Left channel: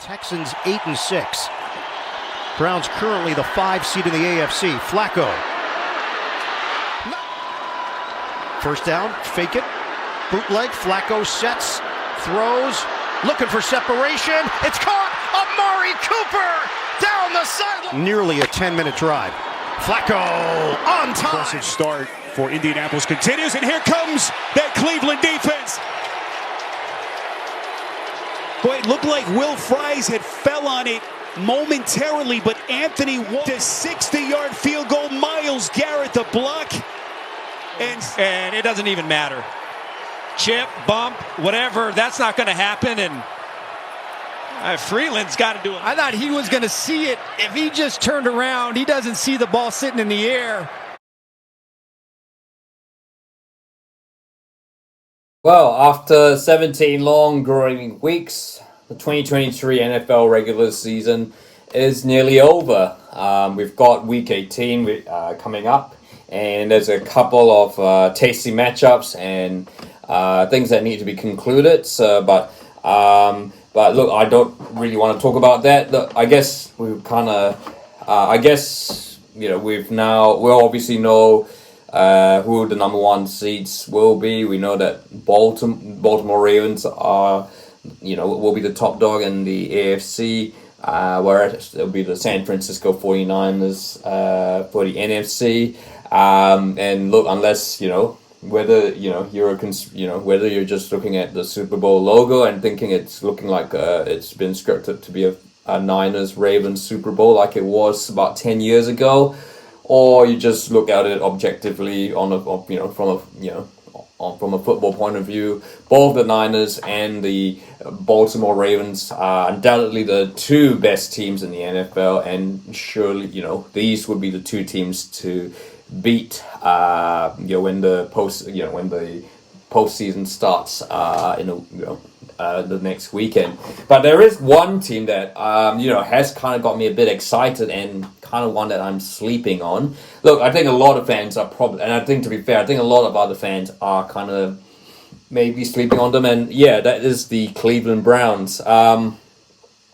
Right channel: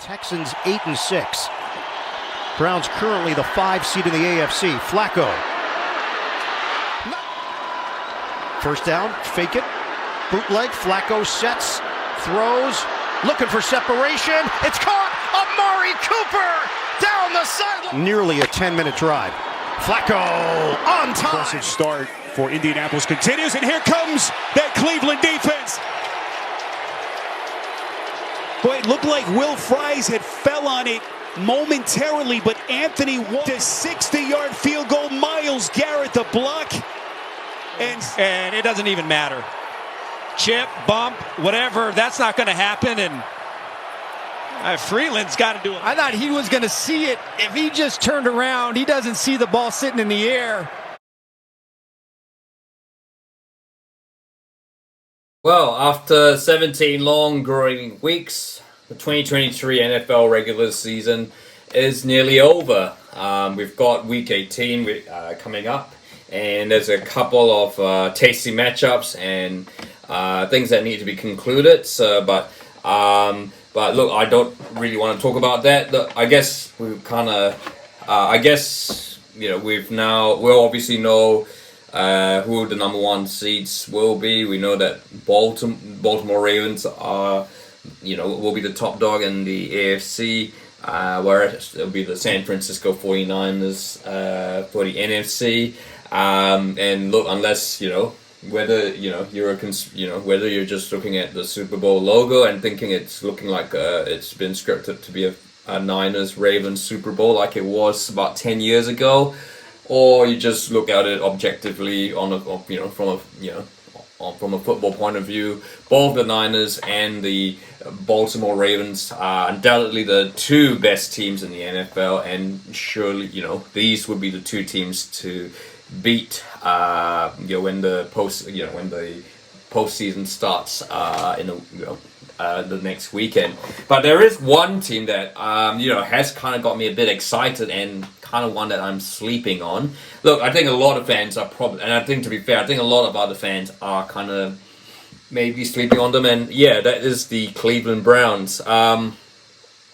Texans 8-6. Browns currently the 5 seed in the AFC. Flacco. First down, fake it. Bootleg. Flacco sets, throws, looking for separation. It's caught. Amari Cooper down the sideline. Nearly a 10-minute drive. Flacco on time. Impressive start for Indianapolis continues, and here comes that Cleveland defense. Boy, it looked like Will Fries had fell on it momentarily, but Anthony walked a 60-yard field goal. Myles Garrett the block. And it doesn't even matter. Chip, bump, whatever, that's not going to happen. And Freeland's got to do it. I thought he was going to see it. If he just turned around, he doesn't see the ball sitting in the air. Well, after 17 long, grueling weeks, the 2023 NFL regular season is nearly over. We've got Week 18 coming up, and there's a couple of tasty matchups and things that need to be concluded. But look, I don't really want to talk about that. Look, I guess we we'll obviously know who the number one seeds will be. We know that Baltimore Ravens are, will be the top dog in the AFC, whereas it'll be the San Francisco 49ers for the NFC. And look, unless whether whether you're just looking at the Super Bowl logo and thinking it's looking like it's been scripted to be a Niners Ravens Super Bowl like it was about 10 years ago, or you just look at it objectively from a football point of view, both the Niners and the Baltimore Ravens are undoubtedly the two best teams in the NFL, and surely these would be the two teams to beat when the postseason starts the next weekend. But there is one team that has kind of got me a bit excited, and kind of one that I'm sleeping on. Look, I think a lot of fans are probably, and I think, to be fair, I think a lot of other fans are kind of maybe sleeping on them, and yeah, that is the Cleveland Browns. And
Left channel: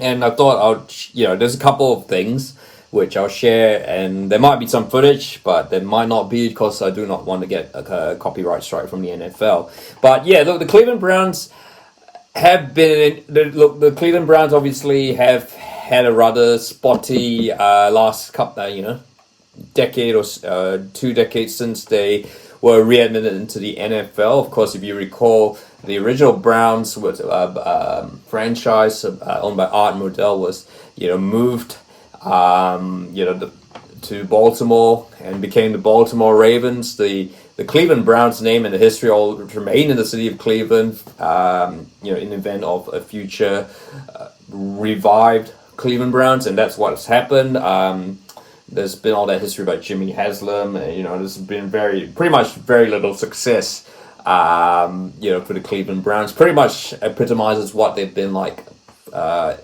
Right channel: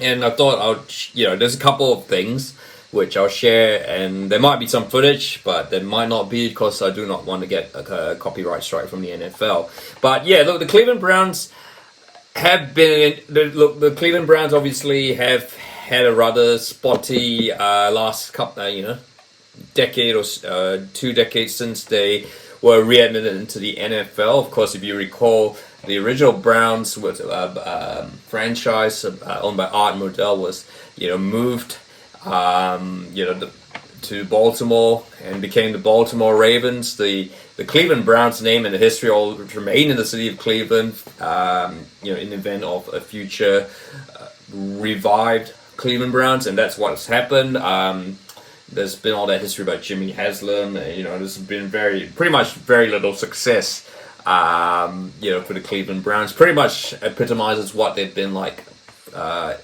I thought there's a couple of things which I'll share, and there might be some footage, but there might not be, because I do not want to get a copyright strike from the NFL. But yeah, look, the Cleveland Browns have been... The Cleveland Browns obviously have had a rather spotty last couple, decade or 2 decades since they were readmitted into the NFL. Of course, if you recall, the original Browns was franchise owned by Art Modell was moved to Baltimore and became the Baltimore Ravens. The Cleveland Browns name and the history all remain in the city of Cleveland, in the event of a future revived Cleveland Browns, and that's what's happened. There's been all that history about Jimmy Haslam. There's been very little success, for the Cleveland Browns. Pretty much epitomizes what they've been like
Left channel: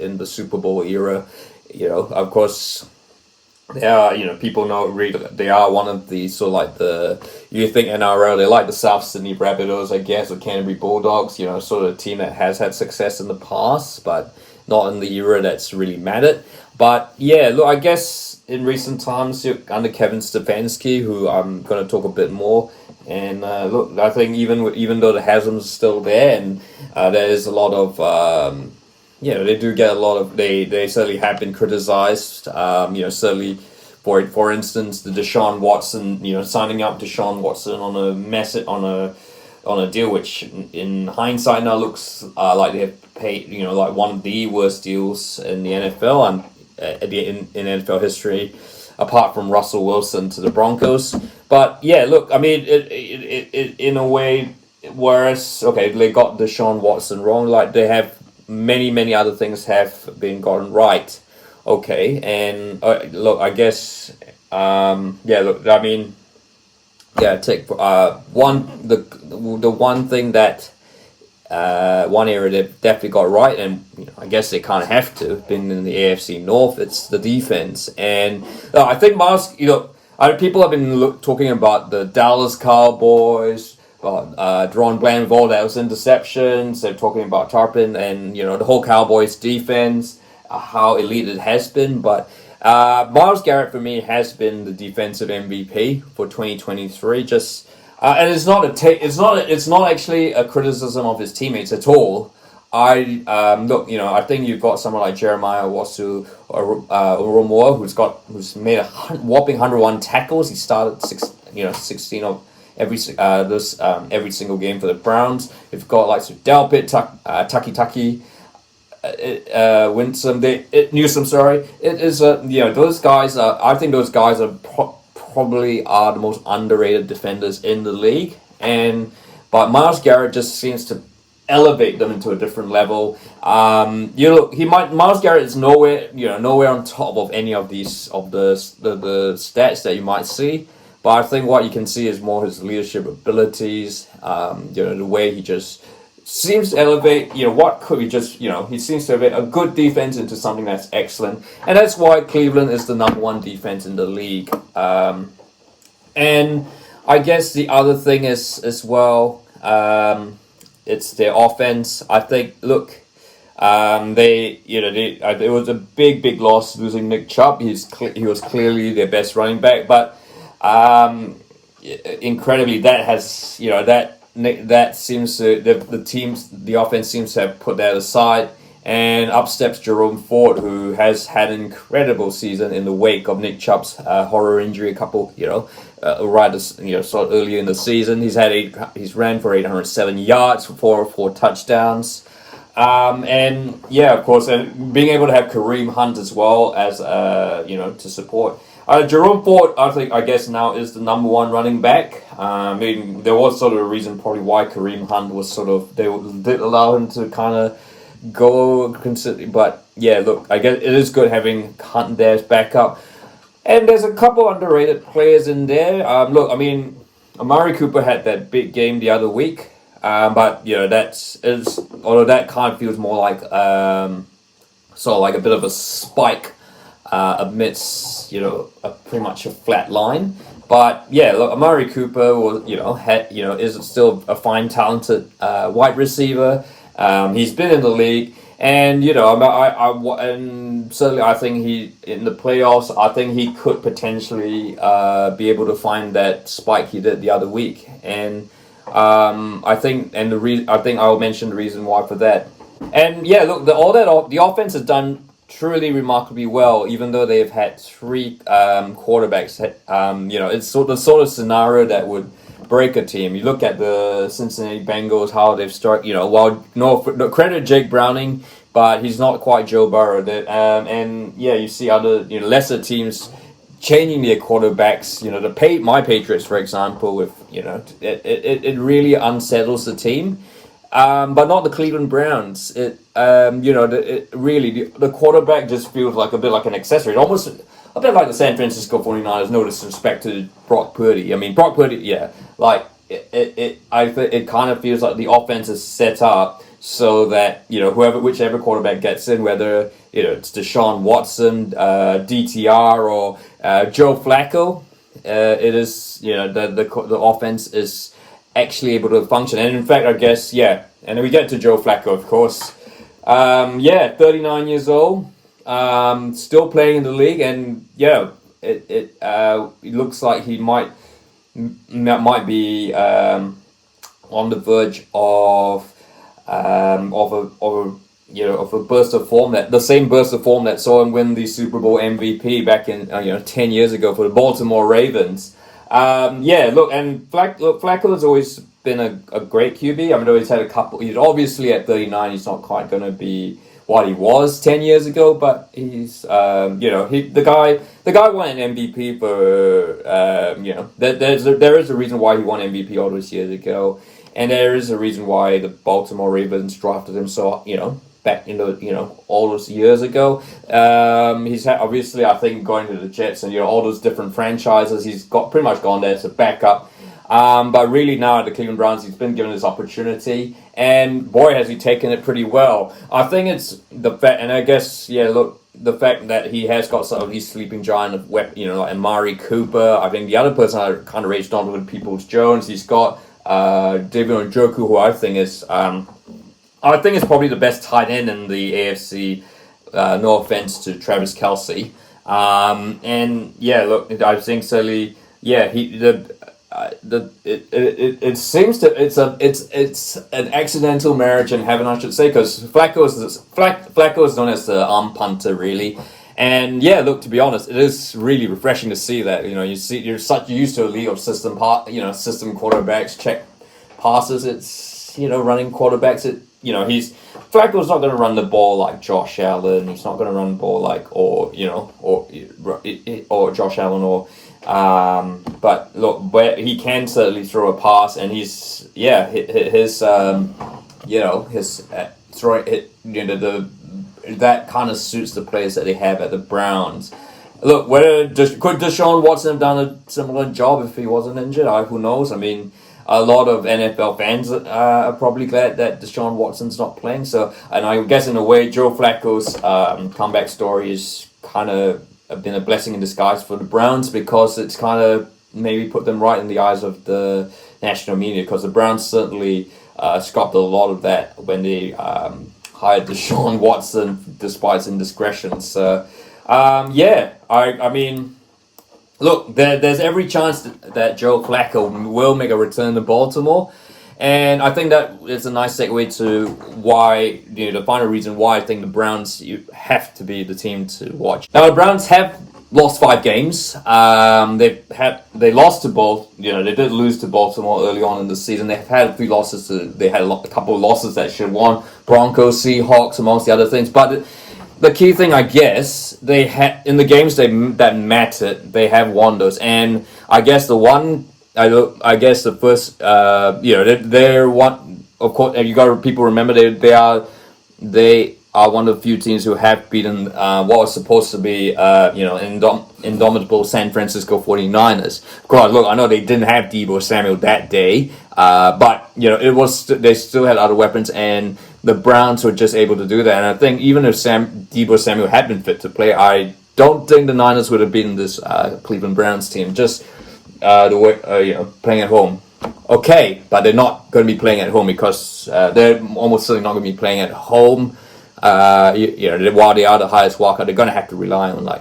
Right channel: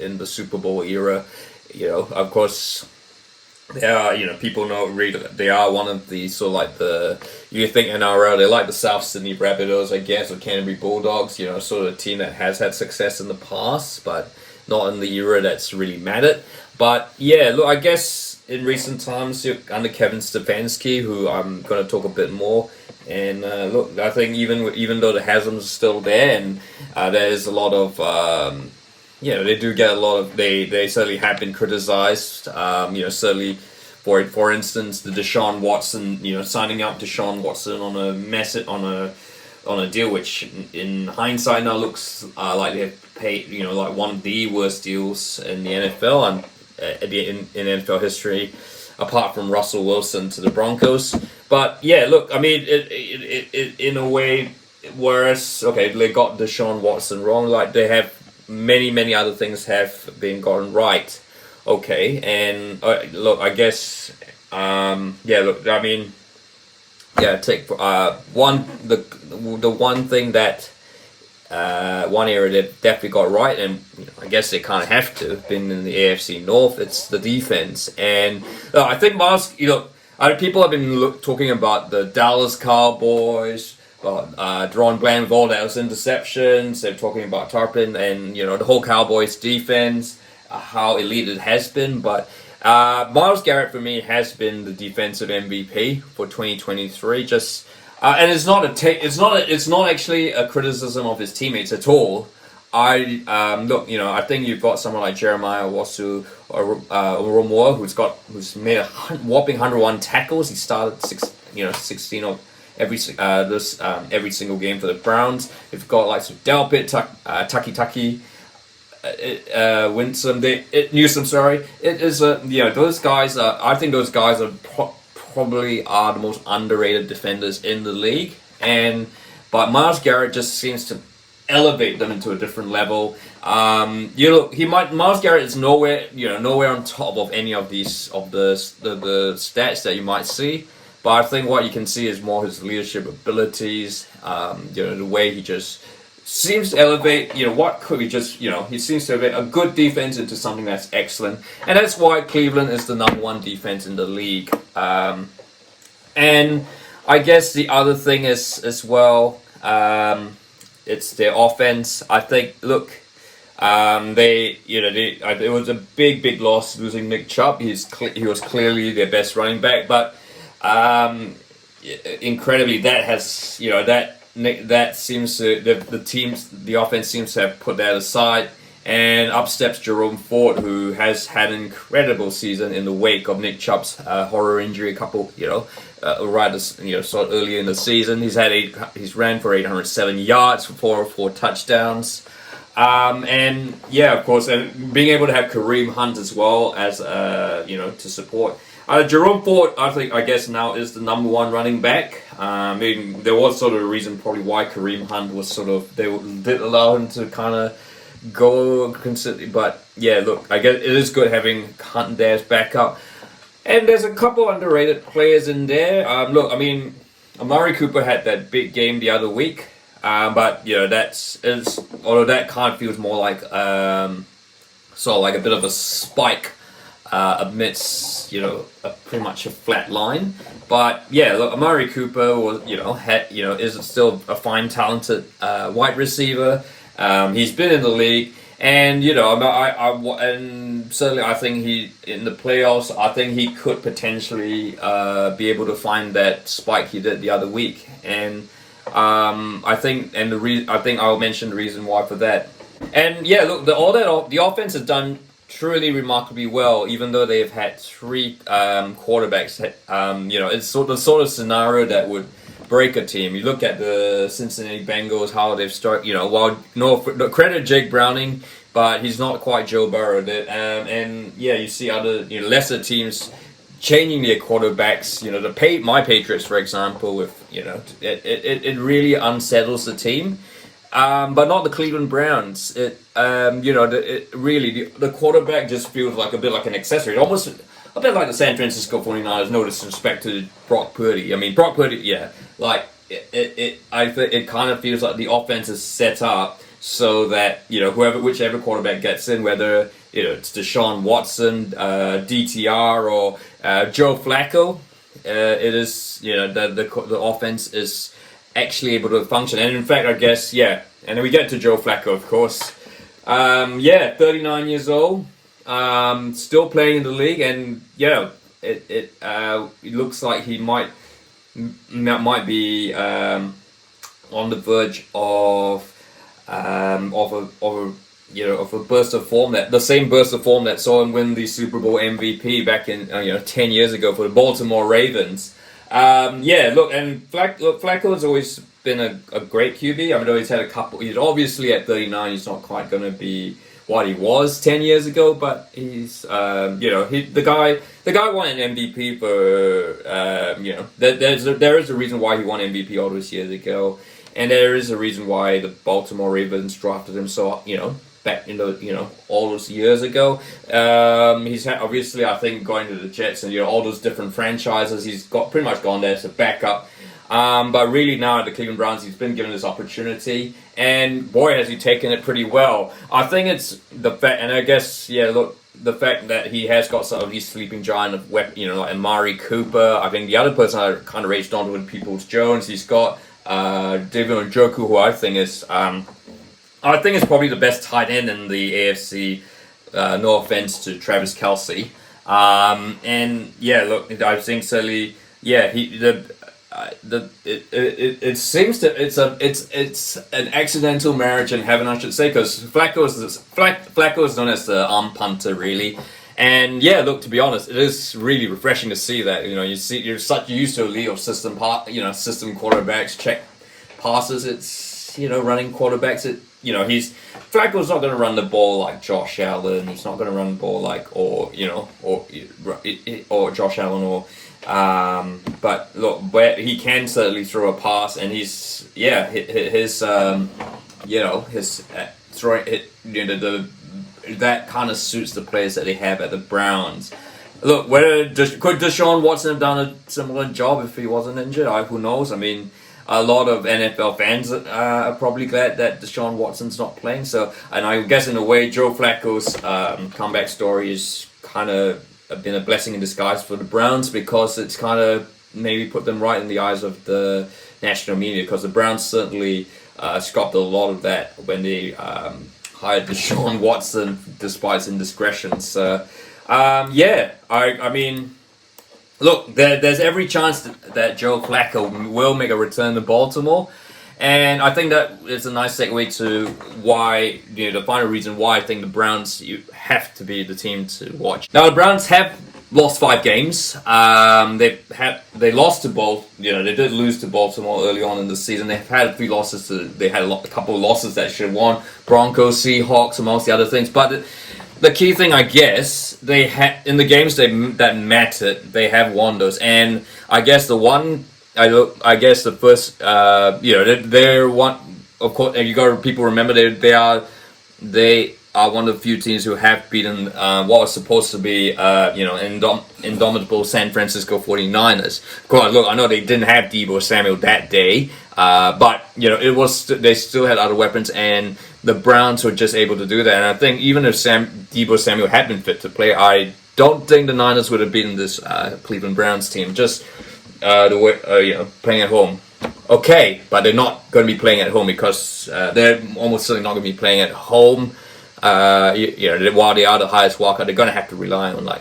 in the Super Bowl era. Of course, they are, people know really they are one of the sort of like you think NRL, they're like the South Sydney Rabbitohs, I guess, or Canterbury Bulldogs, sort of a team that has had success in the past, but not in the era that's really mattered. But yeah, look, I guess in recent times, under Kevin Stefanski, who I'm going to talk a bit more, and look, I think even though the Haslam's are still there, and there is a lot of... they do get a lot of... They certainly have been criticized. Certainly, for instance, the Deshaun Watson, signing up Deshaun Watson on a deal which, in hindsight, now looks like they have paid, like one of the worst deals in the NFL and in NFL history, apart from Russell Wilson to the Broncos. But yeah, look, I mean, it in a way, whereas they got Deshaun Watson wrong, like they have. Many other things have been gotten right. Okay, and look, I guess, take the one thing that one area they've definitely got right, and I guess they kind of have to have been in the AFC North. It's the defense, and I think people have been talking about the Dallas Cowboys drawing blame with all those interceptions. They're talking about Tarpon and the whole Cowboys defense, how elite it has been. But Myles Garrett for me has been the defensive MVP for 2023. And it's not actually a criticism of his teammates at all. I think you've got someone like Jeremiah Wasu Oromoa who's made a whopping 101 tackles. He started 16 of every single game for the Browns. You've got like Delpit, Taki Winsome, Newsome. Sorry, it is those guys. I think those guys are probably are the most underrated defenders in the league, but Myles Garrett just seems to elevate them into a different level. Myles Garrett is nowhere on top of any of the stats that you might see, but I think what you can see is more his leadership abilities. The way he just seems to elevate. He seems to elevate a good defense into something that's excellent, and that's why Cleveland is the number one defense in the league. And I guess the other thing is as well. It's their offense. I think. Look, it was a big loss losing Nick Chubb. He was clearly their best running back, but incredibly, that seems to the offense seems to have put that aside, and up steps Jerome Ford, who has had an incredible season in the wake of Nick Chubb's horror injury. Sort of earlier in the season, he's ran for 807 yards for 4 touchdowns, and of course, and being able to have Kareem Hunt as well as to support. Jerome Ford, I guess now is the number one running back. There was sort of a reason probably why Kareem Hunt was they did allow him to kind of go consistently, but look, I guess it is good having Hunt there as backup. And there's a couple underrated players in there. Amari Cooper had that big game the other week, but although that kind of feels more like sort of like a bit of a spike amidst pretty much a flat line. But look, Amari Cooper was is still a fine, talented wide receiver. He's been in the league. And and certainly I think he in the playoffs. I think he could potentially be able to find that spike he did the other week. And I think I'll mention the reason why for that. And look, the offense has done truly remarkably well, even though they've had 3 quarterbacks. It's the sort of scenario that would break a team. You look at the Cincinnati Bengals, how they've started, credit Jake Browning, but he's not quite Joe Burrow. You see other, lesser teams changing their quarterbacks. My Patriots, for example, with, it really unsettles the team. But not the Cleveland Browns. The quarterback just feels like a bit like an accessory. Almost a bit like the San Francisco 49ers, no disrespect to Brock Purdy. Brock Purdy, I think it kind of feels like the offense is set up so that, whichever quarterback gets in, whether, it's Deshaun Watson, DTR, or Joe Flacco, it is, the offense is actually able to function. And in fact, I guess, and then we get to Joe Flacco, of course. 39 years old. Still playing in the league, and it looks like he might be on the verge of a burst of form, the same burst of form that saw him win the Super Bowl MVP back in 10 years ago for the Baltimore Ravens. Flacco has always been a great QB. He's had a couple. He's obviously at 39. He's not quite going to be what he was 10 years ago, but he's the guy won an MVP for there is a reason why he won MVP all those years ago, and there is a reason why the Baltimore Ravens drafted him back in all those years ago. He's had, obviously, I think, going to the Jets and all those different franchises, he's pretty much gone there as a backup. But really now at the Cleveland Browns, he's been given this opportunity, and boy, has he taken it pretty well. I think it's the fact, and I guess, the fact that he has got some of these sleeping giant of like Amari Cooper. I think the other person I kind of raged on with Peoples-Jones. He's got David Njoku, who I think is probably the best tight end in the AFC. No offense to Travis Kelce. And yeah, look, I think certainly, yeah, it seems that it's an accidental marriage in heaven, I should say, because Flacco is known as the arm punter, really. And yeah, look, to be honest, it is really refreshing to see that. You know, you're such used to a league of system quarterbacks, check passes. It's, you know, running quarterbacks. Flacco's not going to run the ball like Josh Allen. He's not going to run the ball like or Josh Allen but look, but he can certainly throw a pass, and his throwing it, that kind of suits the players that they have at the Browns. Look, could Deshaun Watson have done a similar job if he wasn't injured? Who knows? I mean, a lot of NFL fans are probably glad that Deshaun Watson's not playing. So, and I guess in a way, Joe Flacco's comeback story is kind of been a blessing in disguise for the Browns, because it's kind of maybe put them right in the eyes of the national media, because the Browns certainly scoffed a lot of that when they hired Deshaun Watson despite his indiscretions. So, I mean, look, there's every chance that Joe Flacco will make a return to Baltimore. And I think that is a nice segue to why, the final reason why I think the Browns have to be the team to watch. Now, the Browns have lost 5 games. They lost to both. They did lose to Baltimore early on in the season. They've had a few losses. They had a couple of losses that should have won. Broncos, Seahawks, amongst the other things. But the key thing, I guess, they had in the games that mattered, they have won those. And I guess the first, they're one. Of course, you got to people remember they are one of the few teams who have beaten what was supposed to be indomitable San Francisco 49ers. Of course, look, I know they didn't have Deebo Samuel that day, but they still had other weapons, and the Browns were just able to do that. And I think even if Deebo Samuel had been fit to play, I don't think the Niners would have beaten this Cleveland Browns team. Just the way playing at home. Okay, but they're not going to be playing at home, because they're almost certainly not going to be playing at home. While they are the highest wildcard, they're going to have to rely on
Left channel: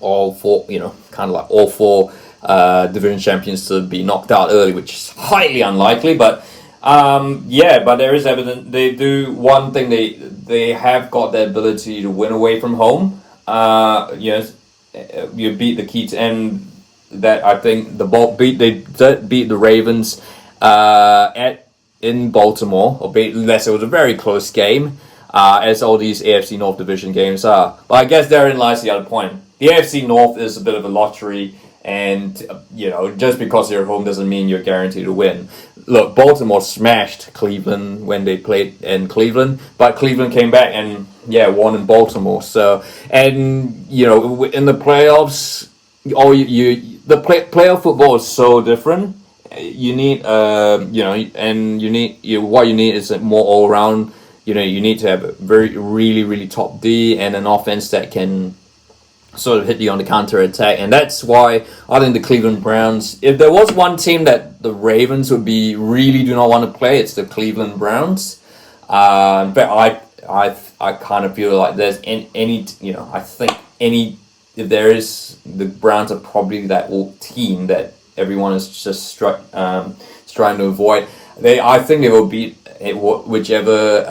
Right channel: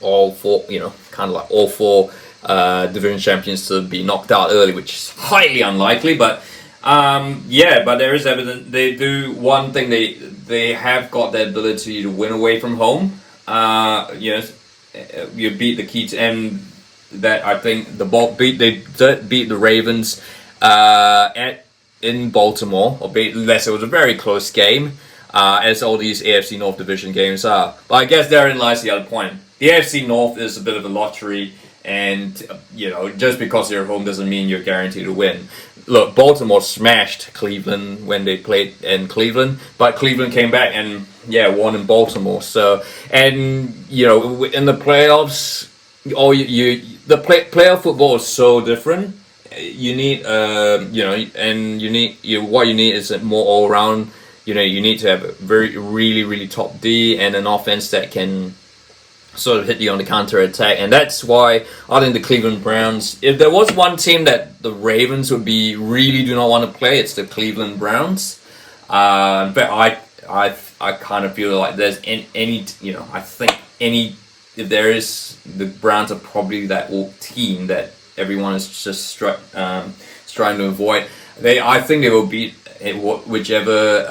all four division champions to be knocked out early, which is highly unlikely. But but there is evidence they do one thing. They have got the ability to win away from home. You beat the key and that I think they did beat the Ravens in Baltimore, unless it was a very close game, as all these AFC North division games are. But I guess therein lies the other point. The AFC North is a bit of a lottery, and just because you're at home doesn't mean you're guaranteed to win. Look, Baltimore smashed Cleveland when they played in Cleveland, but Cleveland came back and won in Baltimore. So, and in the playoffs, playoff football is so different. You need what you need is a more all around. You need to have a really top D and an offense that can sort of hit you on the counter attack, and that's why I think the Cleveland Browns. If there was one team that the Ravens would really do not want to play, it's the Cleveland Browns. But I kind of feel like there's if there is, the Browns are probably that team that everyone is just trying to avoid. I think they will beat whichever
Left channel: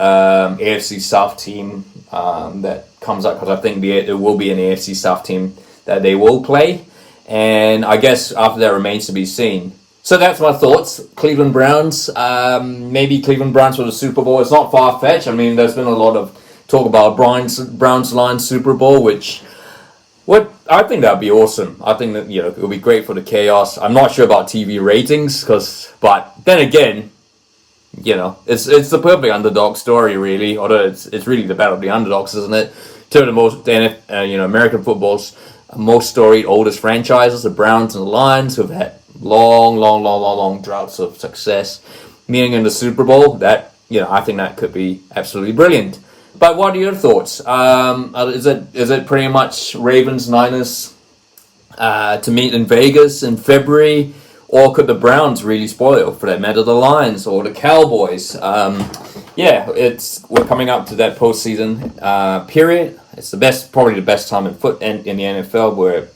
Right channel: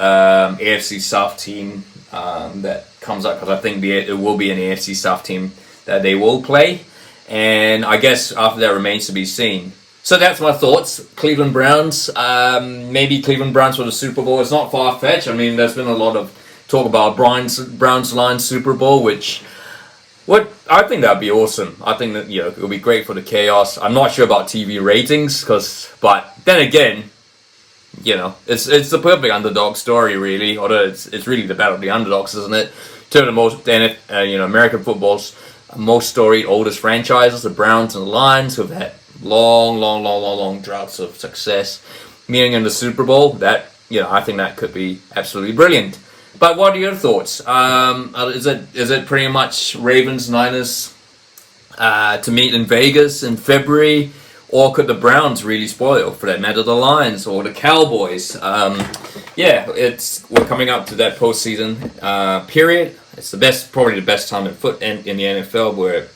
AFC South team that comes up, because I think it will be an AFC South team that they will play, and I guess after that remains to be seen. So that's my thoughts. Cleveland Browns, maybe Cleveland Browns for the Super Bowl. It's not far-fetched. I mean, there's been a lot of talk about Browns Lions Super Bowl, I think that'd be awesome. I think that it would be great for the chaos. I'm not sure about TV ratings, but then again, it's the perfect underdog story, really. Although it's really the battle of the underdogs, isn't it? Two of the most American football's most storied, oldest franchises, the Browns and the Lions, who've had long droughts of success, meeting in the Super Bowl. That I think that could be absolutely brilliant. But what are your thoughts? Is it pretty much Ravens Niners to meet in Vegas in February, or could the Browns really spoil, for that matter, the Lions or the Cowboys? We're coming up to that postseason period. It's probably the best time in the NFL.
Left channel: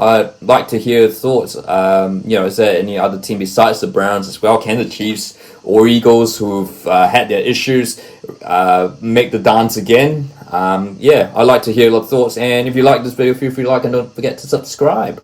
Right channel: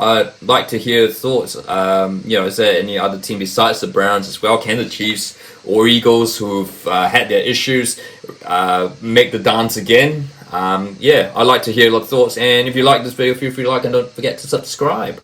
I'd like to hear thoughts. Is there any other team besides the Browns as well? Can the Chiefs or Eagles, who've had their issues, make the dance again? I'd like to hear your thoughts. And if you like this video, feel free to like and don't forget to subscribe.